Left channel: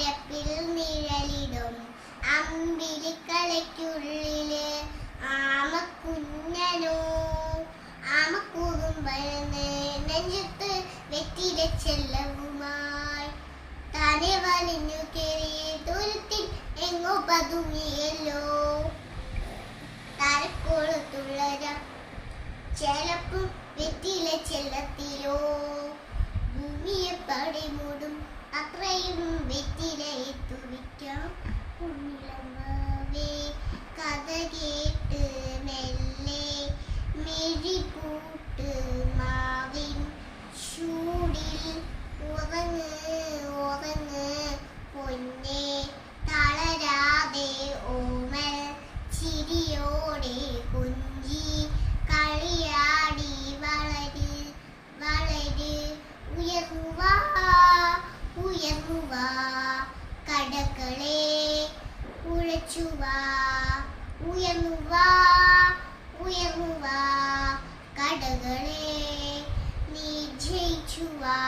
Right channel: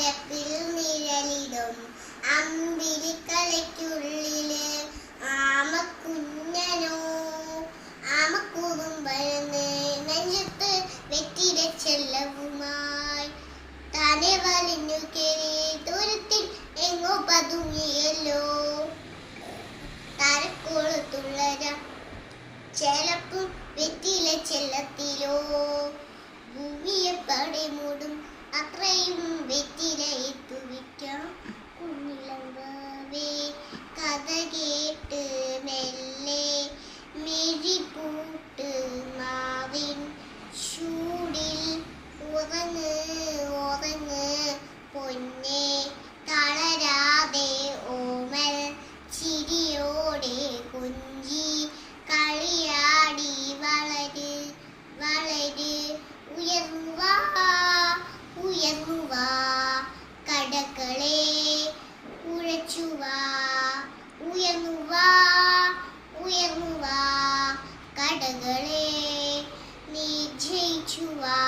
പരപ്പിൽ നിഴലിടും അമ്പിളിക്കളയ്ക്കുള്ളില് ആമക്കുഞ്ഞനോ ആമക്കുറുമ്പഴന്ന് നെഞ്ചത്ത് വെറ്റില ചെല്ലവുമായി താനെ വലിഞ്ഞു കേറി ദൂരത്തിൽ എങ്ങോ പതുങ്ങിയല്ലോ. താരക്കോളത്തുള്ളര ചെലപ്പും വെറ്റില ചെല്ലത്തിലോ. ഭൂമിയെ പടി മൂടും അത്രയും വെറ്റില എത്തുവിക്കാം കുഞ്ഞിളമ്പേ. കഥ കേട്ട് മെല്ലെ മിഴിപൂട്ട് മാവിൻ ചൂടിൽ ഉറങ്ങ് ഉറങ്ങ് പൊന്നേ. തളരാതെ ഓമൽ ചിരിയോടെ കൊഞ്ചി കളിയാടി വളര് വളര്. ഉയർന്നുവാ ഉയർന്നുവാ കടകളെ ഉഴച്ചുവാ. ഉയർന്നുവാ ഉയർന്നുവാ കടകളെ നീ ജയിച്ചുവാ.